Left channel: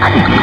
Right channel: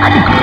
Aduh.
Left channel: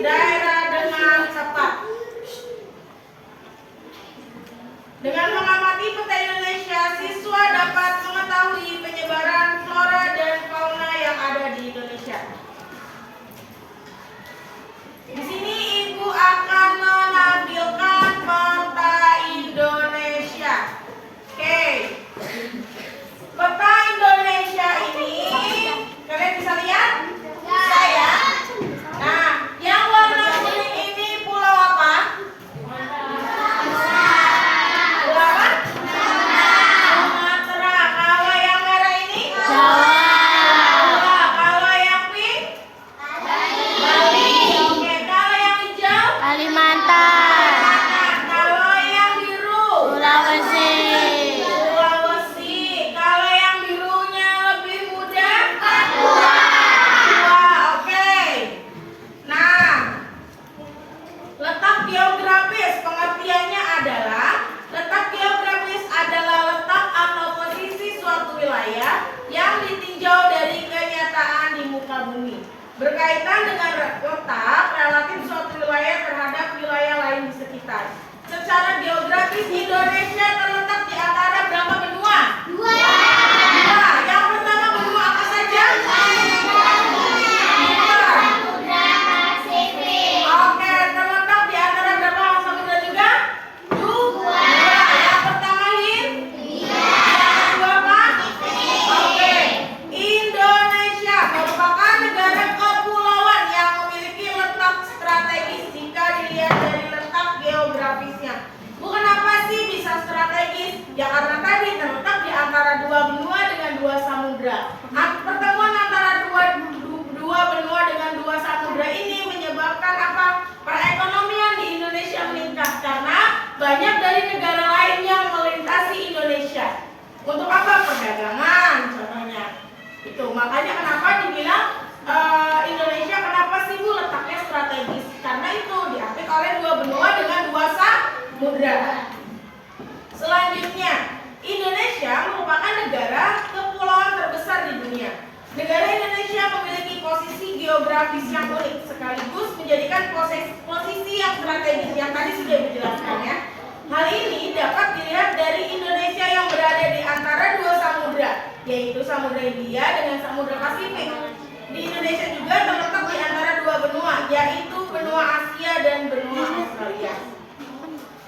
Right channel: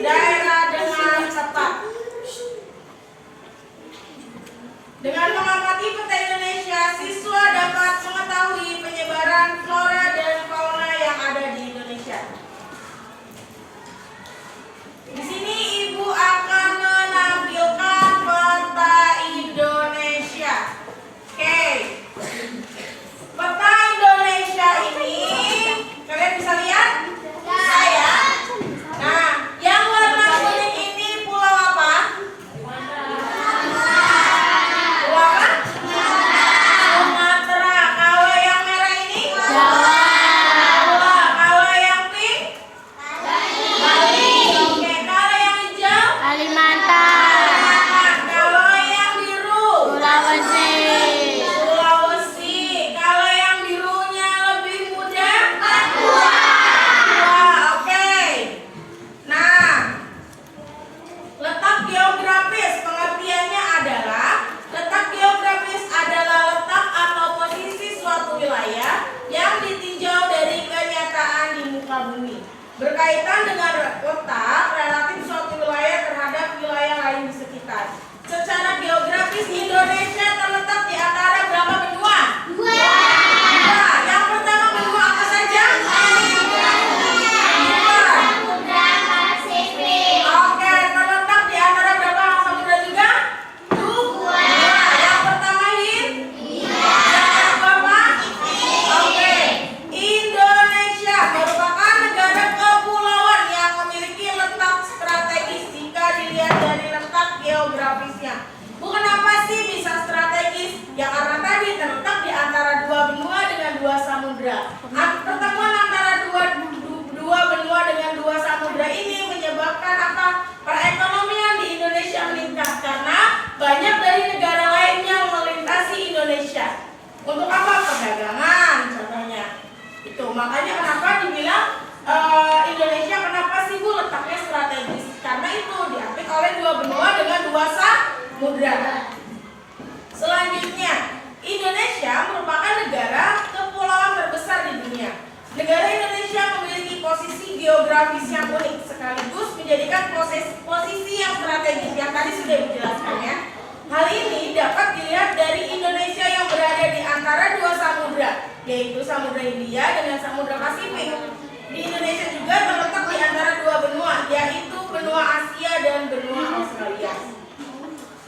daerah dengan cepat. Dengan mengamati peta Indonesia, siswa dapat mengetahui penyebaran flora dan fauna yang ada di Indonesia. Di sini Ibu akan menampilkan peta Indonesia. Oke. Peta Indonesia ini kalian bisa lihat? Bisa ya? Nah, yang warna kuning ini pulau apa? Pulau apa? Sumatera. Kalau yang merah ini? Jawa. Kalau yang pink? Bali. Oke, kalau yang hijau? Kalimantan. Kalau yang biru? Sulawesi. Sulawesi. Kalau yang birunya lebih muda? Papua. Oke. Nah, letak geografis pengertiannya adalah letak geografis adalah letak atau posisi suatu wilayah yang ditinjau dari kenyataan di muka bumi. Berkaitan dengan letak relatif suatu wilayah terhadap wilayah lain di sekitar. Secara geografis Indonesia terletak di antara berapa benua? Dua. Yang pertama benua apa saja? Oke, terletak di antara berapa samudra juga? Dua. Yang pertama Hind. Yang kedua apa? Oke. Indonesia merupakan negara kepulauan yang memiliki letak strategis jika dilihat dari letak geografisnya. Bukan apa sih bisa strategis? Ya karena tadi terletak di antara dua benua dengan dua samudra. Pertemuan antara dua benua dengan dua samudra ini menyebabkan apa? Perekonomian di Indonesia meningkat karena banyak dari negara lain yang melintasi Indonesia. Untuk apa? Perdagangan contohnya. Itu makanya kenapa dibilang Indonesia kenapa sih Bu letaknya strategis? Karena itu diapit oleh dua benua dengan dua samudra. Selanjutnya, Indonesia merupakan negara kepulauan terbesar di dunia. Negara Indonesia memiliki posisi geografis yang unik sekaligus menjadikan posisi yang strategis yang tadi sudah dijelaskan ya. Hal ini dapat dilihat dari Indonesia yang berada di antara dua samudra, yaitu Samudra Hindia dengan Samudra Pasifik. Di Indonesia juga terletak di antara dua benua, yaitu benua Asia dan benua Australia.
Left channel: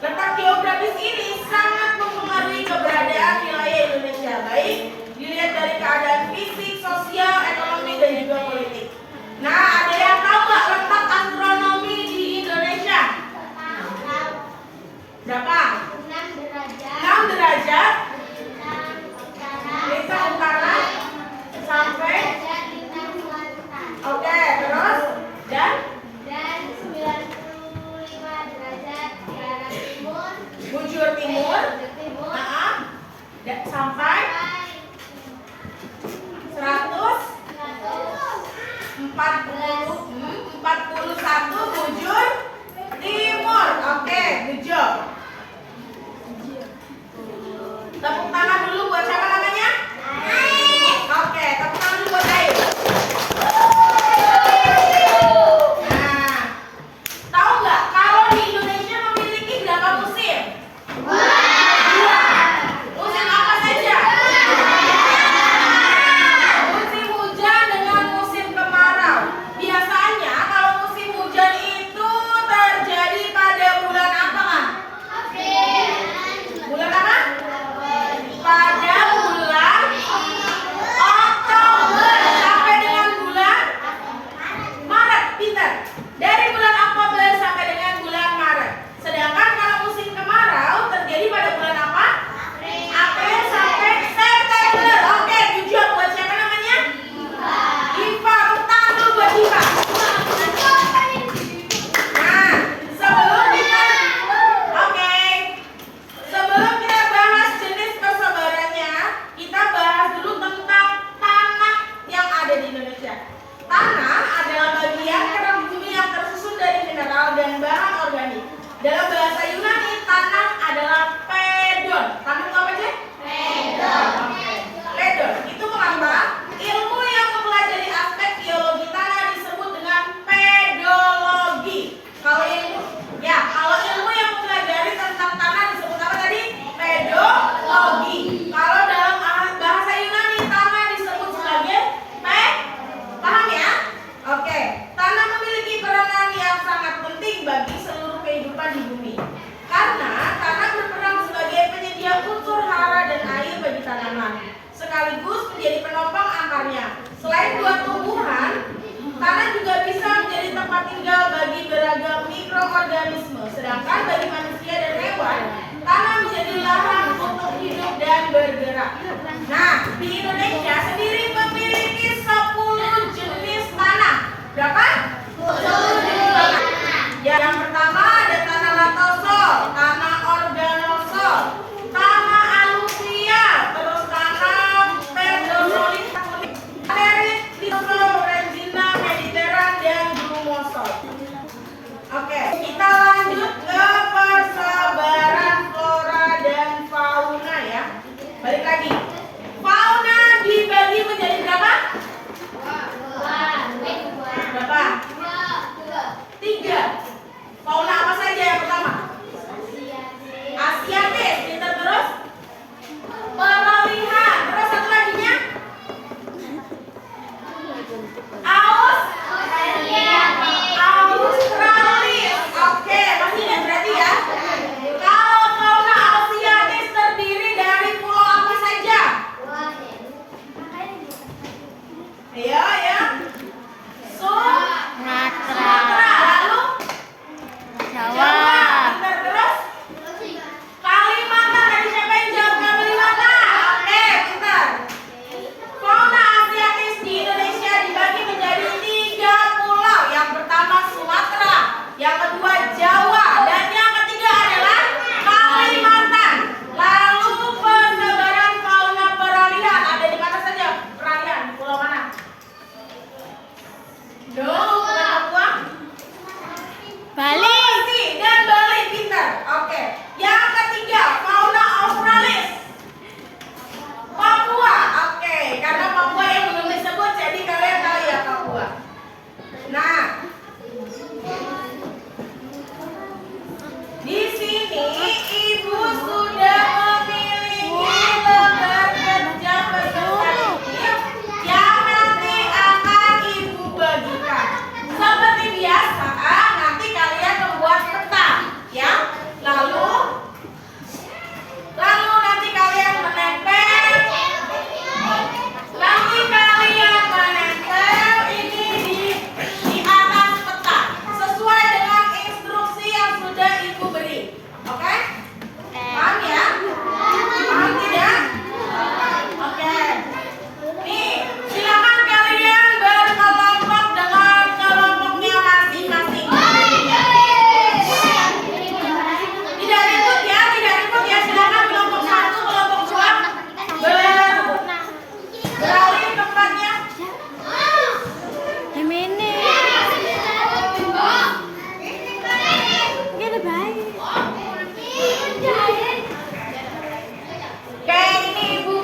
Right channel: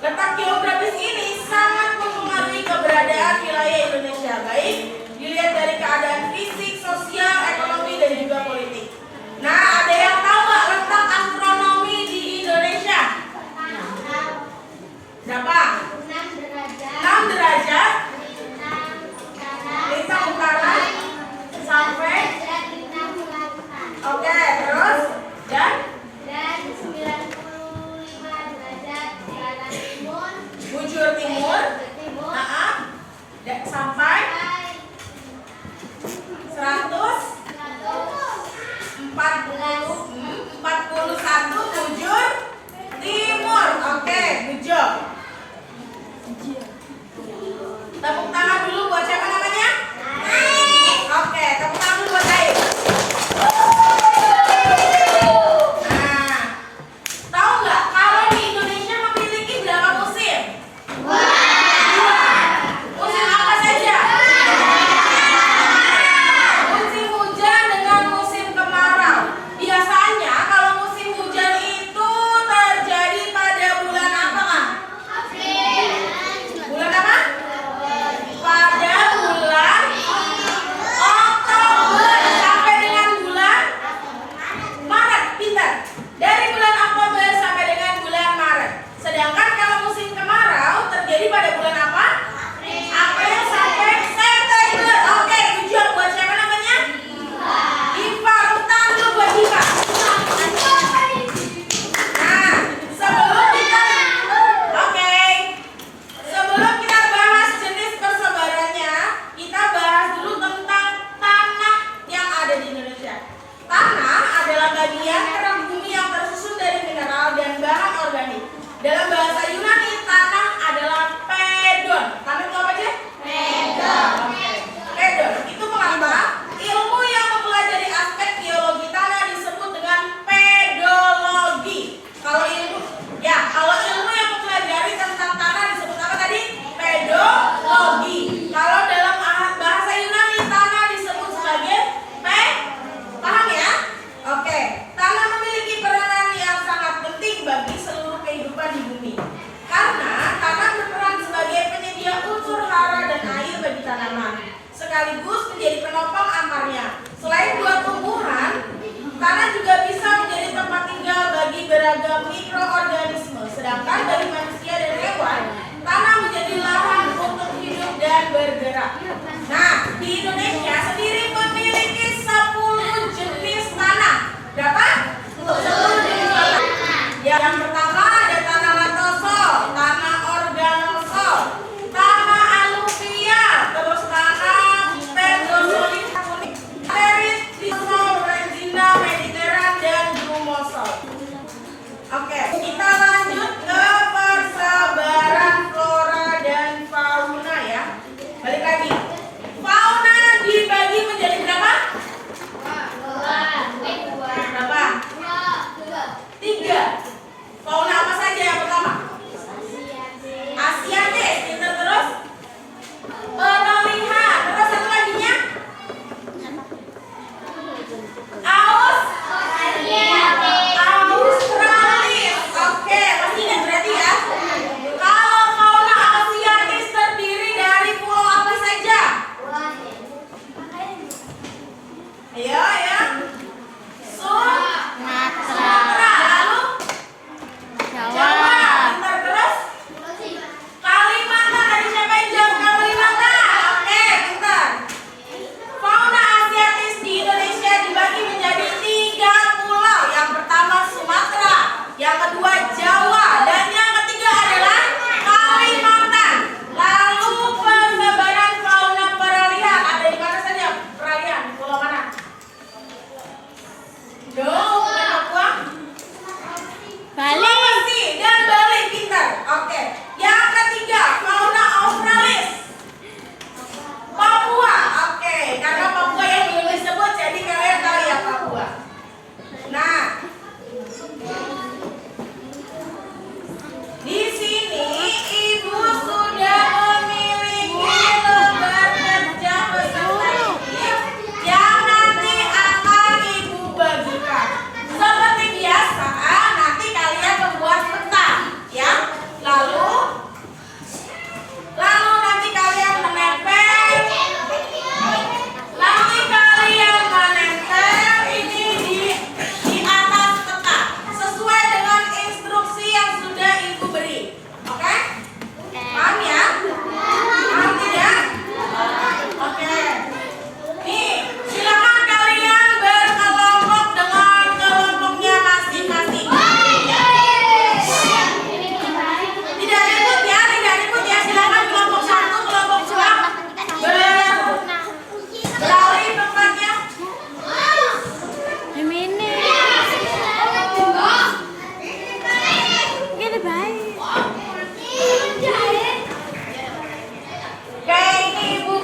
Letak geografis ini sangat mempengaruhi keberadaan wilayah Indonesia, baik dilihat dari keadaan fisik, sosial, ekonomi, dan juga politik. Nah, ada yang tahu nggak letak astronomi di Indonesia? Berapa? 6 derajat. Lintang utara sampai. Oke, terus dan 95 derajat ke arah timur. bujur timur.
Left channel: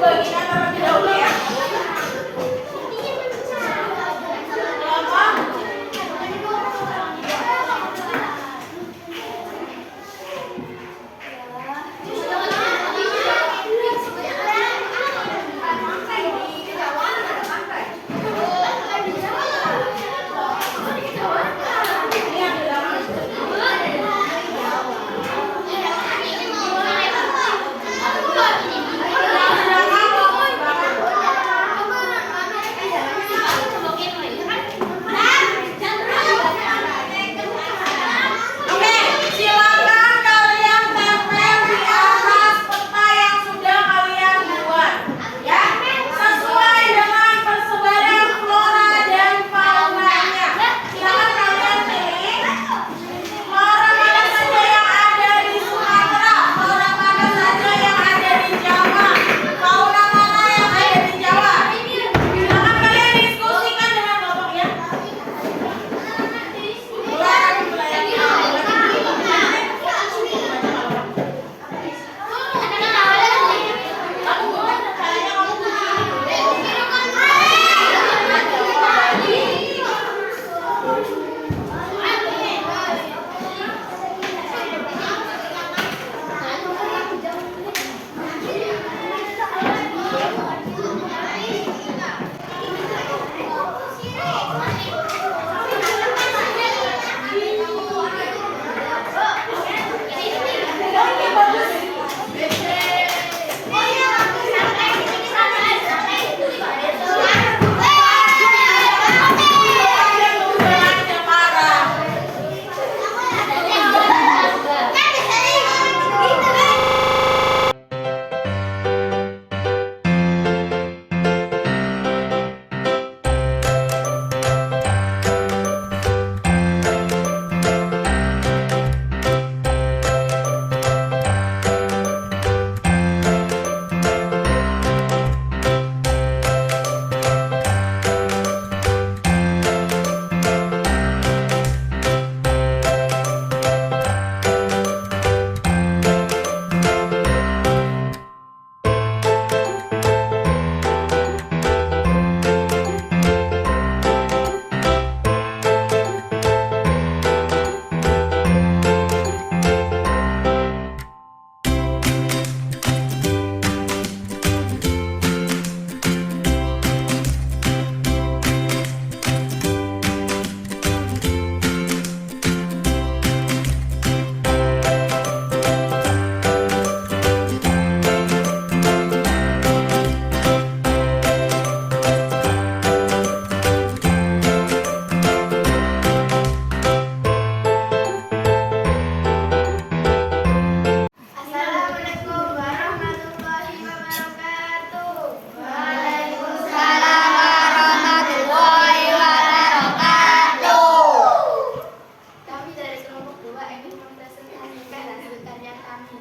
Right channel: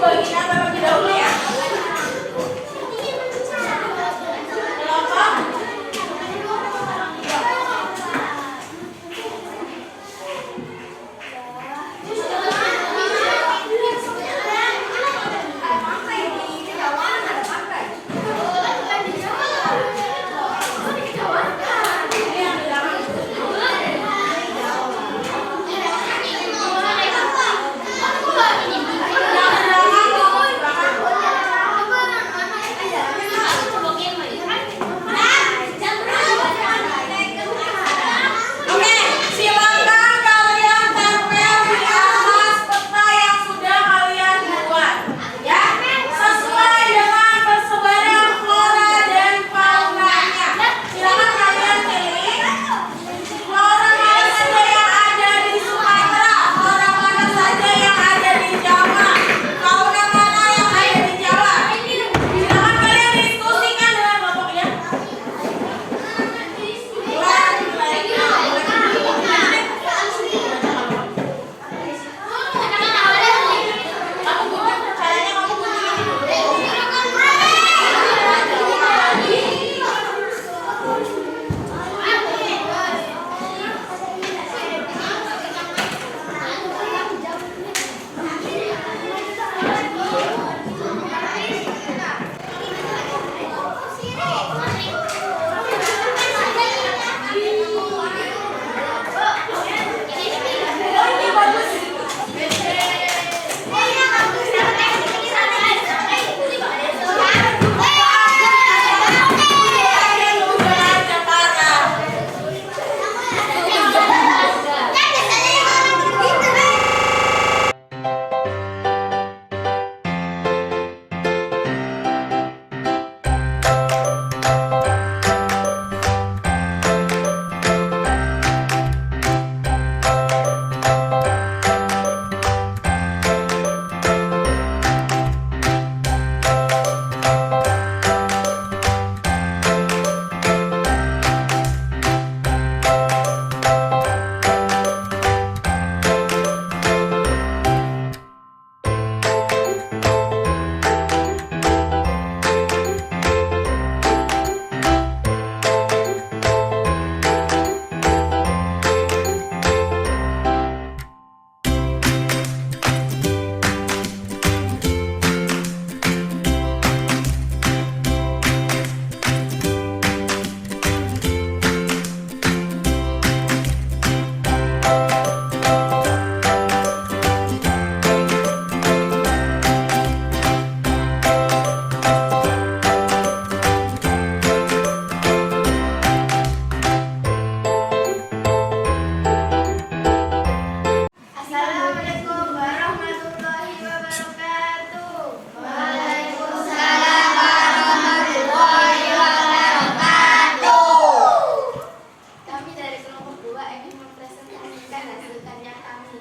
baginya terlebih dahulu ya. Kenapa? Oke, silakan kalian tempel di atas peta yang sudah kalian buat, ya, sesuai dengan persebaran flora dan faunanya. Silakan kalian pilih flora mana saja yang ada di Sumatera, flora mana saja yang ada di Jawa, fauna mana yang ada di Jawa. Silakan kalian diskusikan dengan kelompoknya. Assalamualaikum warahmatullahi wabarakatuh. Kami dari kelompok 2 ingin mempresentasikan hasil karya kami.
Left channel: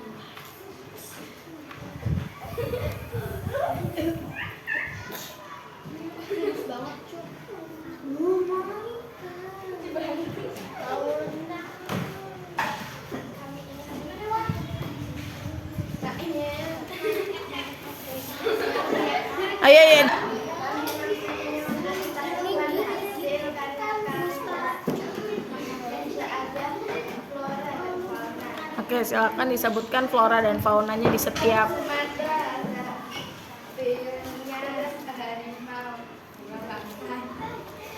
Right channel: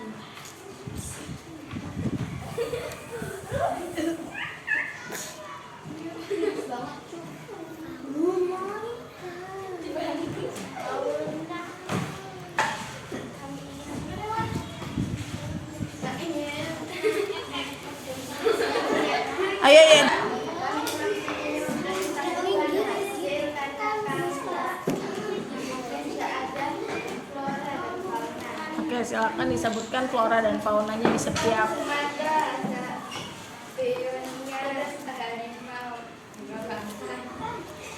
Ayo, ayo. Oke, silakan disebutkan flora dan faunanya di setiap. Sumatera ada begonia, harimau,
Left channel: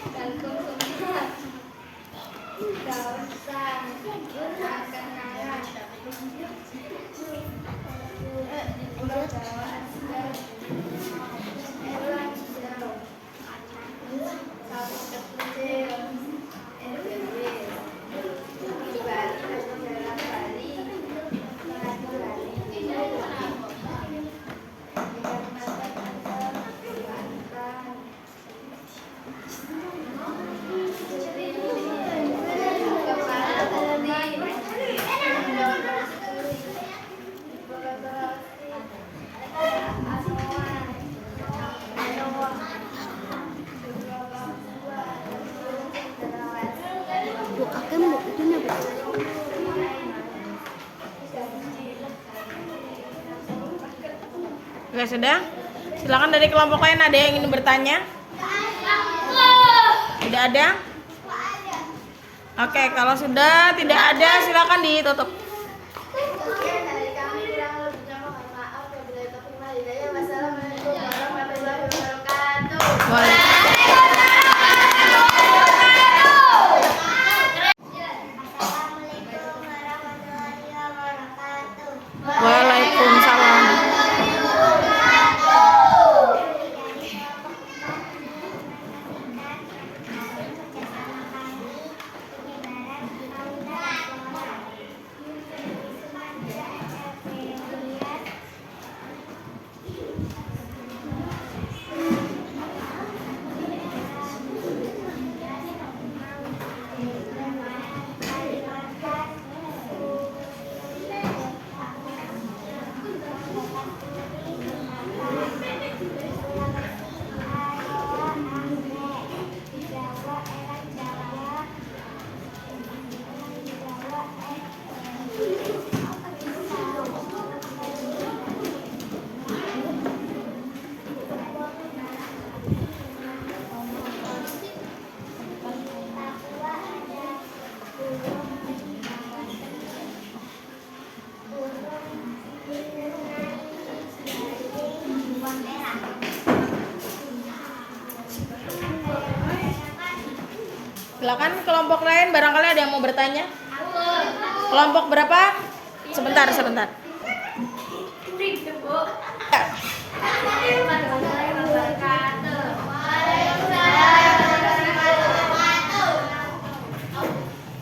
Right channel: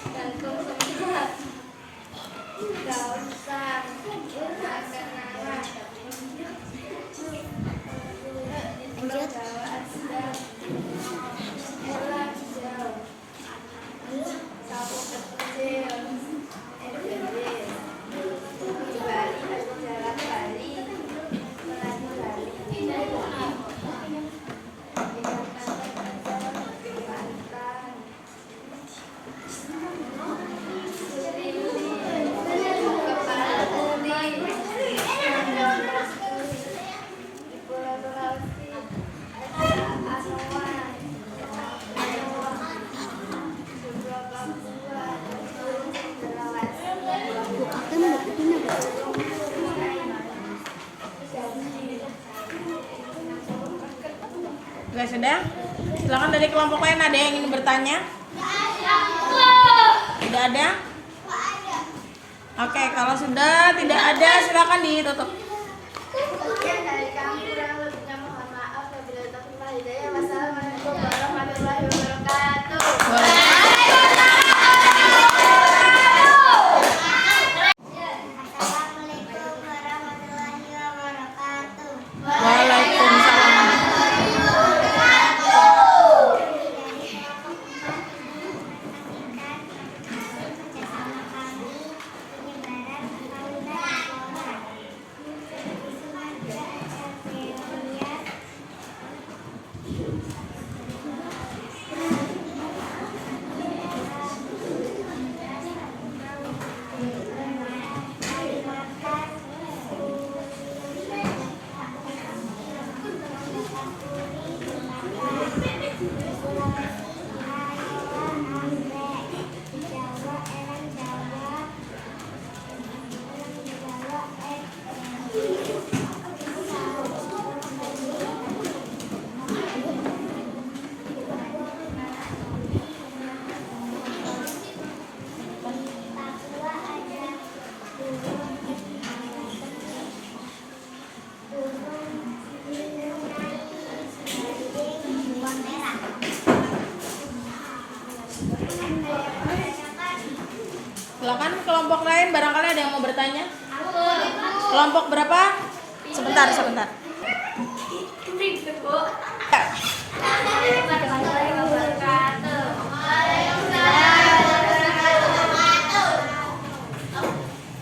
gantung semut, daun sang, makan nalar, pulau Jawa ada elang hijau, sawo kecil, di Bali ada jalan Bali, Melati Bali. Oke, sudah? Silakan dari kelompok lain, ada yang ingin bertanya? Tidak ada? Oke, kalau sudah tidak ada, silakan ditutup. Sekian dari kami, kurang lebihnya mohon maaf. Wabillahi taufiq wal hidayah. Wassalamualaikum warahmatullahi wabarakatuh. Assalamualaikum warahmatullahi wabarakatuh. Waalaikumsalam. Silakan kelompok lain, barangkali ada yang mau bertanya. Kelompok berapa? Sebentar. Assalamualaikum warahmatullahi wabarakatuh.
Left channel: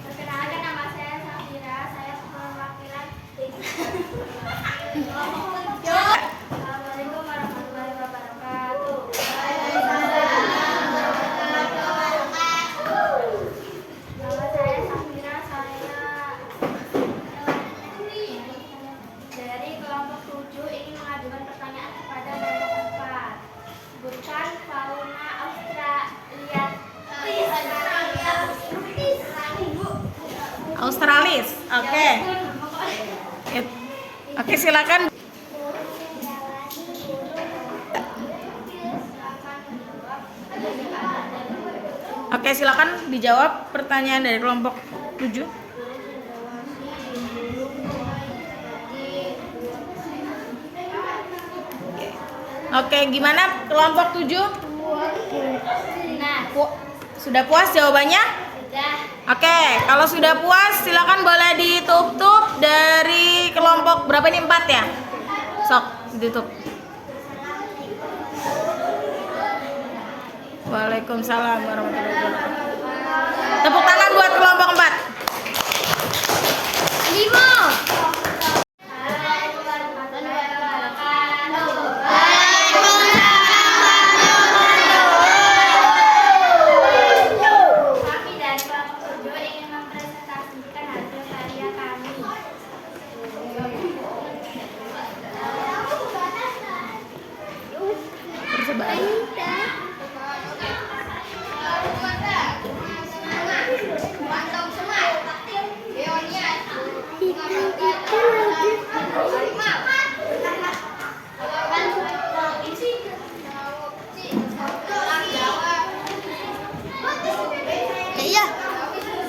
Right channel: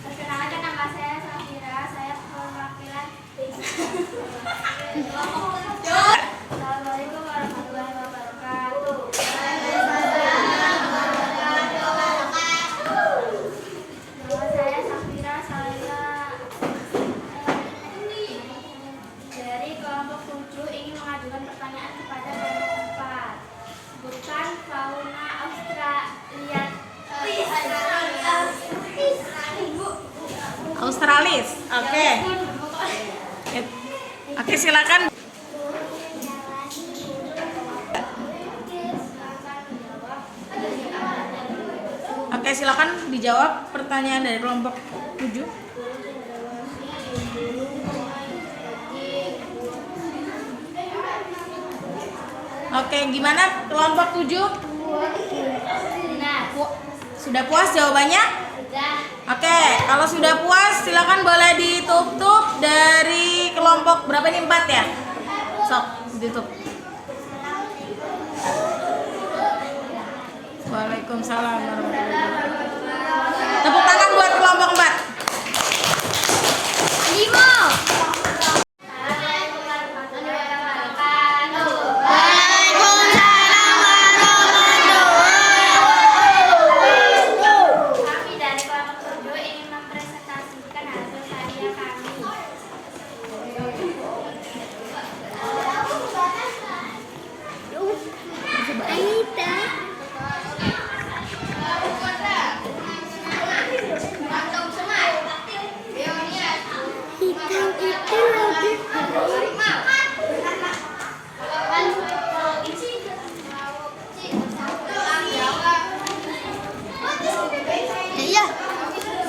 Perkenalkan, nama saya Safira. Saya perwakilan. Assalamualaikum warahmatullahi wabarakatuh. Nama saya Safira. Saya dari kelompok 7 ingin mengajukan pertanyaan kepada kelompok 4. Sebutkan fauna Australia. Australis. Oke. Oke, silakan. Oke, silakan dijawab pertanyaan dari kelompok 7. Oke, gimana kelompok 7? Sudah puas jawabannya? Oke, kalau sudah puas silakan boleh ditutup dari kelompok berapa ini, 4 ya? Sok, ditutup. Waalaikumsalam warahmatullahi wabarakatuh. Tepuk tangan buat kelompok 4. Assalamualaikum warahmatullahi wabarakatuh. Kami dari kelompok 7 ingin mempresentasikan hasil karya kami.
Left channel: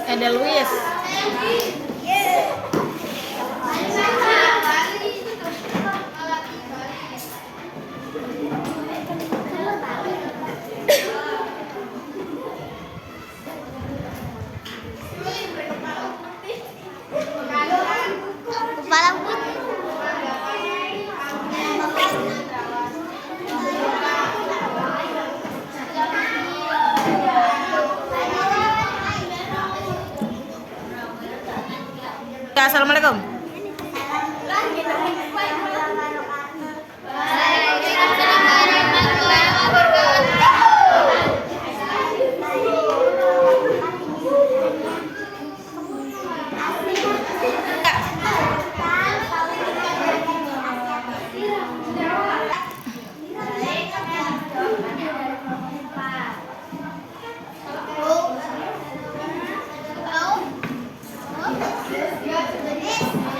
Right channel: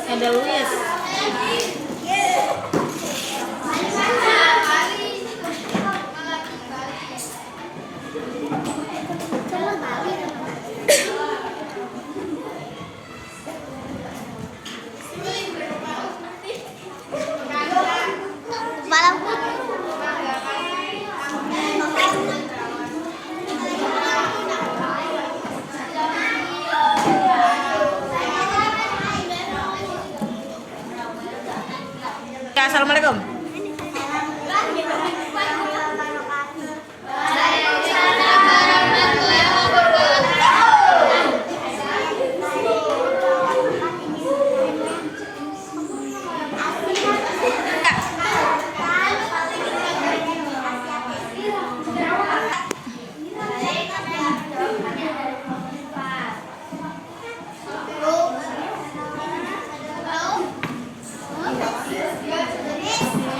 Edelweiss. Kepala putih. Assalamualaikum. Dari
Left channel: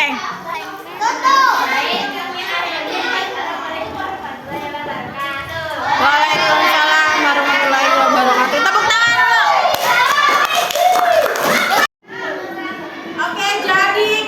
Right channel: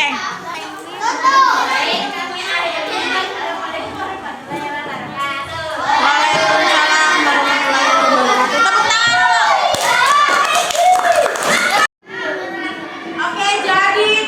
Oke. Waalaikumsalam warahmatullahi wabarakatuh. Tepuk tangan dulu. Oke, jadi